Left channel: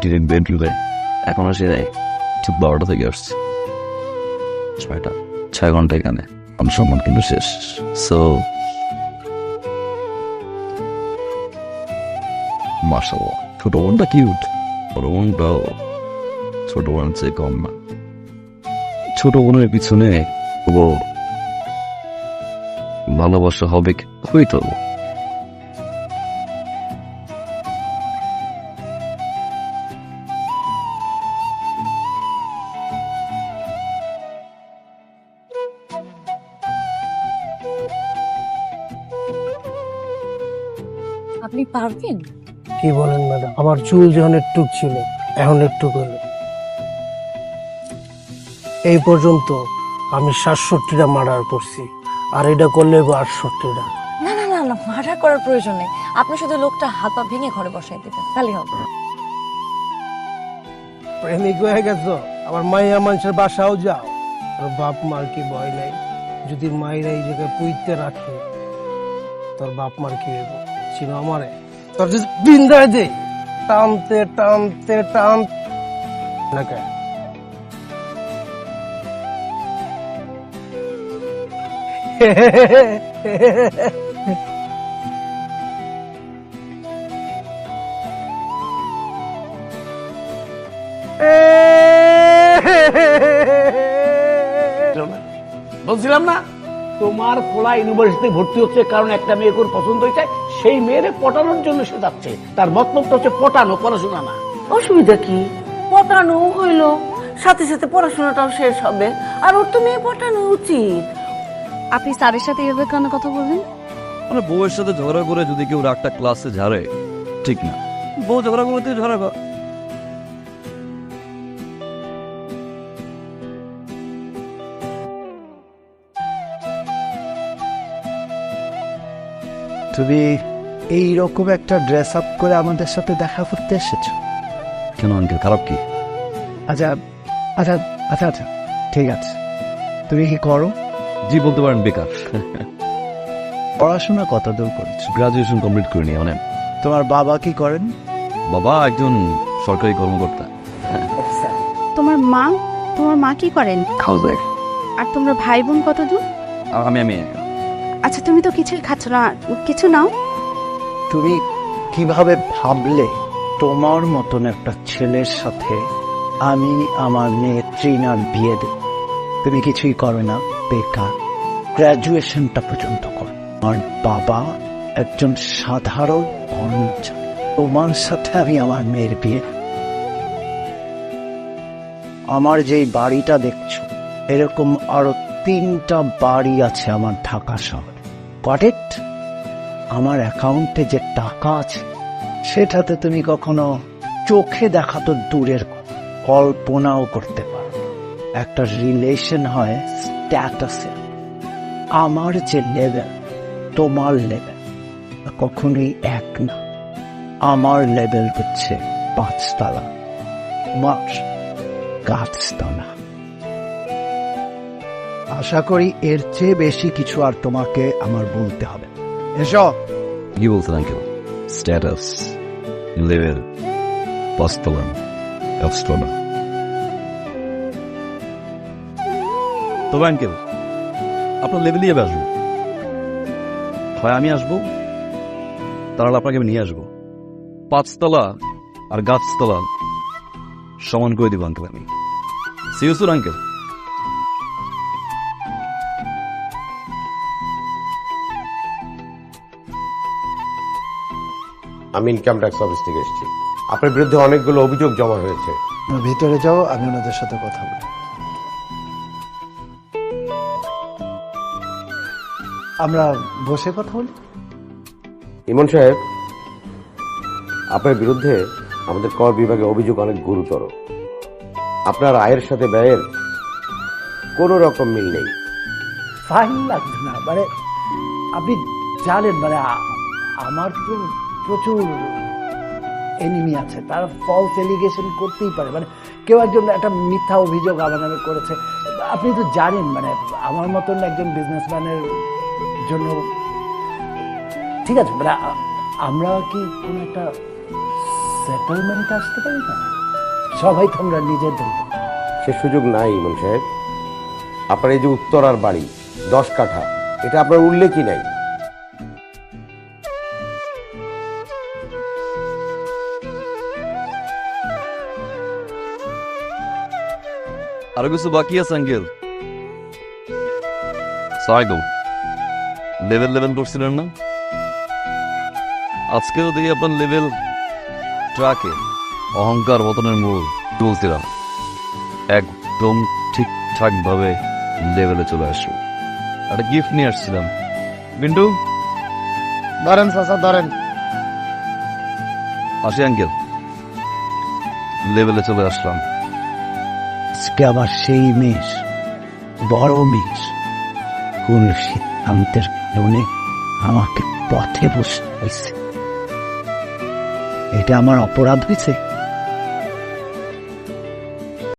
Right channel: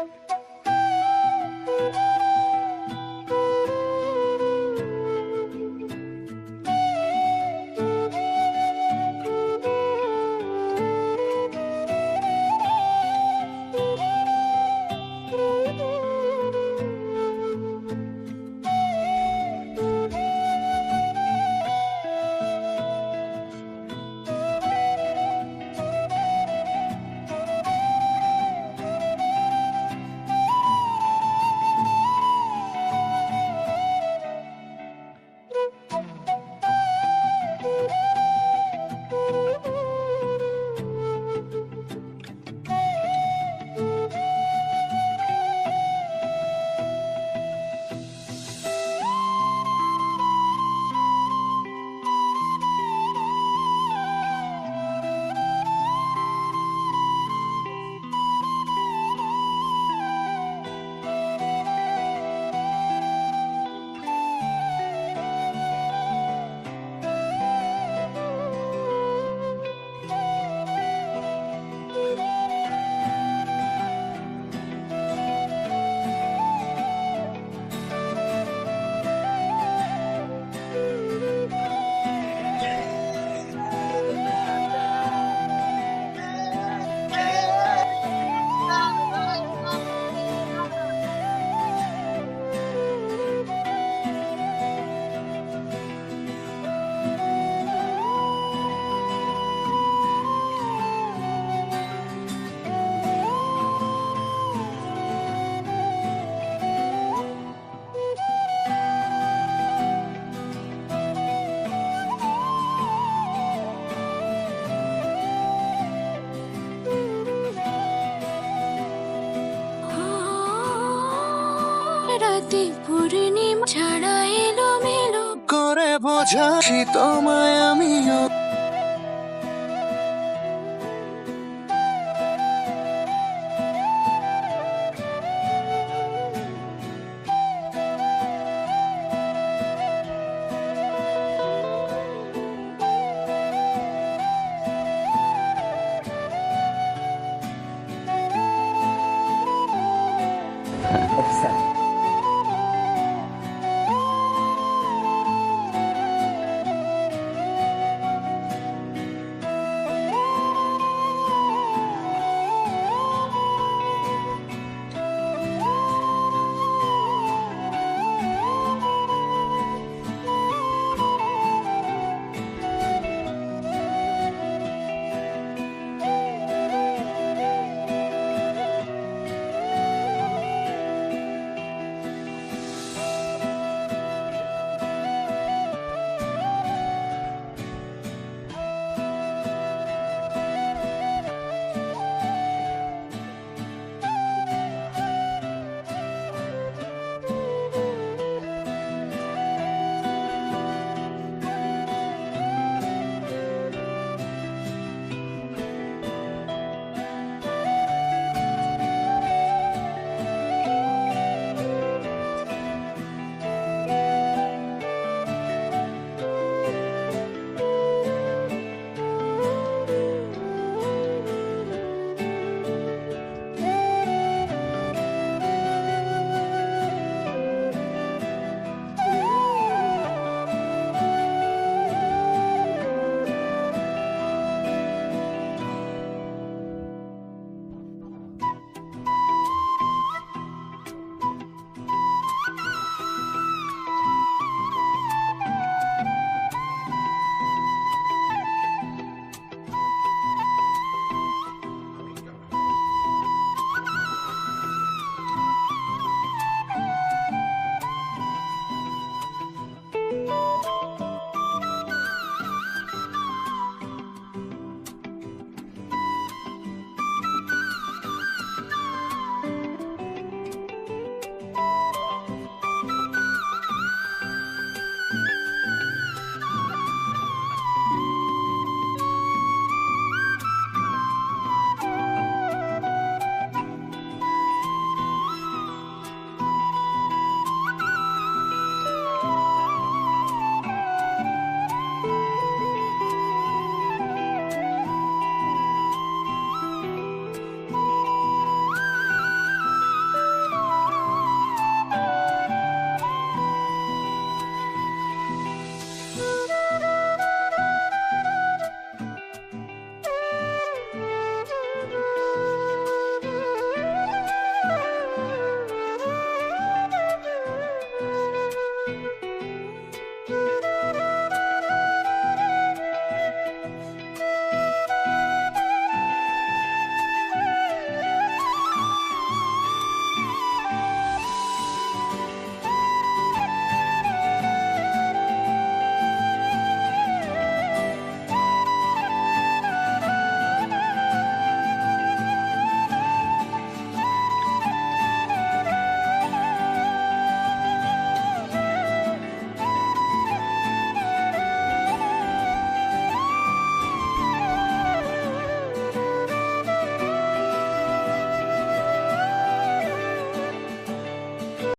Direct বেডরুমে এখন সে ঠিক 12টা থেকে আসছে 6 ঘন্টা এখানে আমার সম্মান কিন্তু শেষ। সো মাশাআল্লাহ ছোট বোনটা কিউট, বড় বোনটাও ছোট বোনের চেয়ে কম না। ছোট বোনের পিছনে ও ভালোবাসা হবে হইতো। আপনি পারবেন? কি বলেন ম্যাডাম, আমার চুল যখন একটু ছিল এখন একটু হলো। এই পর্যন্ত আমি 67টা মার্ডার করছি, আর এটা করলে 68টা। না না না না, মার্ডার করার প্রয়োজন নেই। আপনি শুধু লোকটা হাত পা ভেঙে ঘরে বসাই দিবেন, তাহলেই হবে। প্রেমিক হয়ে গেছো, আমার মাইয়া মানুষের বাসাও যাও। তোর বাপ মার কি ভয় নাই? যদি মায়ের এই জায়গায় পুইতে রাখে তোর বাপ মার কি হবে? ছিল আমারে তোর যদি বিন্দায় দে টানতে টানতে টান লাগে। বলছিলাম না তোমার পোলা ইউনিভার্সিটিতে ভর্তি হচ্ছে কারণ একটা মেয়ে ওর পছন্দ হয়েছে, সেই মেয়েরে পটানোর জন্য সে যাচ্ছে। তার মতলবটা হচ্ছে পটানো, পড়াশোনা না। অসুবিধা কি? পটানো হইলো, সাথে সাথে পড়াশোনাটাও শেষ হবে। আর ওর তো মেয়ে পটানো উচিত। আপনি স্যারের সাথে এভাবে কেন কথা বলবেন? মানে বউয়ের সাথে ঝগড়া করে যদি কেউ রাগটা ক্লাসে ঝাড়ে ঠিক না, বউ ঝগড়া করতে ঝগড়া কর। তুমি এইরকম একটা ড্রেস আপ করে আমাদের সাথে দেখা করতে এসেছো? কেন আঙ্কেল, খারাপ কি? আচ্ছা আচ্ছা আচ্ছা আচ্ছা ঠিক আছে। তুমি কি করো? জি বলতে পারেন বেকার। পড়াশোনা কত দূর করেছো? গ্রাজুয়েশন কমপ্লিট করিনি অনেক। তোমার বাবা কি করেন? বাবা একজন সরকারি কর্মকর্তা। তোমার মা কি করেন? হাউস। আর তোমরা ভাই বোন কত দূর? আমি আচ্ছা তুমি তো কিছুই খাচ্ছ না, কিছু নাও। তুমি কিভাবে ভাবলে তোমার মতন একটা ছেলের সাথে আমি আমার মেয়ে ট্রিনার বিয়ে দেব? তুমি কিছুই করো না, বেকার। গ্র্যাজুয়েশনটা পর্যন্ত করো। আমার বাবা একজন সাধারণ কর্মচারী, তোমার সাথে আমি আমার মেয়ের বিয়ে। আমার যেই বাড়িটা দেখছো এরকম আরো 3টা বাড়ি আছে আমার ঢাকা শহরে। Got it? আমার অ্যাকাউন্টে যে টাকা আছে সেটাতে তুমি কখনো চোখে দেখা তো দূরের কল্পনাও করতে পারো। একটা রিলেশন হয় স্ট্যাটাসে। আমার যে লেভেল তোমার লেভেল কখনোই এক না। আমার লেভেল হচ্ছে 5 তলা, তোমার গাছতলা। আশা করি এর চেয়ে বেশি কিছু আর তোমাকে আমার বলতে হবে। এসো। কি বলছেন আঙ্কেল? স্ট্যাটাস, লেভেল, পাঁচতলা, গাছতলা। তবে আঙ্কেল আপনার লেভেলই যাবে আসবো, হয় আমি আসবো তাহলে আপনাকে আমি নিয়ে আসবো। 5তলা আর গাছতলা সমান করে দিব আঙ্কেল আমি। See you soon uncle. আমি ইনকাম ট্যাক্স অফিস থেকে এসেছি। আপনার বিরুদ্ধে অনেকগুলো অভিযোগ জমা হয়েছে। ভিতরে যাও, আমি ওনাদের সাথে কথা বলি। আমরা বসে কথা বলি। ইমন সাহেব, আপনার বিরুদ্ধে আমাদের কর বিভাগে অভিযোগ অনেক গুরুতর। আপনার আয়ের সাথে ব্যয়ের কোনো রকম মিল নেই। ফাইন লাগবে না, মানে আপনি জানেন মানে আমার তো প্রচুর এনিমি আছে, তারা ফলস এলিগেশন করতেই পারে। মানে কেউ একজন একটা মিথ্যা অভিযোগ আমার নামে করেছে। আপনি তো জানেন মানে আমার মতন একজন বিজনেসম্যানের জন্য ঠিক আছে মানে আমরা কি কোনো একটা সেটেলমেন্টে আসতে পারি না? সবাই তোমরা নিজেদের। সে সুযোগ নাই ইমন সাহেব। আপনার এই যে উত্তরার বাড়ি 10 কাঠা, এটা আপনার উল্লেখই নাই। আরো কিছু বাকি আছে আঙ্কেল। সাইকেল লেভেল করছিলেন না? আজকেও দেখি আপনার লেভেল ট্রাকে অহংকার পতনের মূল তুলছিলাম। একদম ঠিকঠাক ভাবে লেভেলে চলে আসলো। একটা গিফট নিয়ে আসছিলাম। বিন্টু ধরেন চাচা, ধরেন। আসি আঙ্কেল, লেভেলে চলে আসলাম। আজকে আবার সেই মেষ, বড় মেষ, কোন সিদ্ধান্তের কারণে আমাকে পথে বসতে হয়েছে। এটা আমার অপরাধ হয়েছে।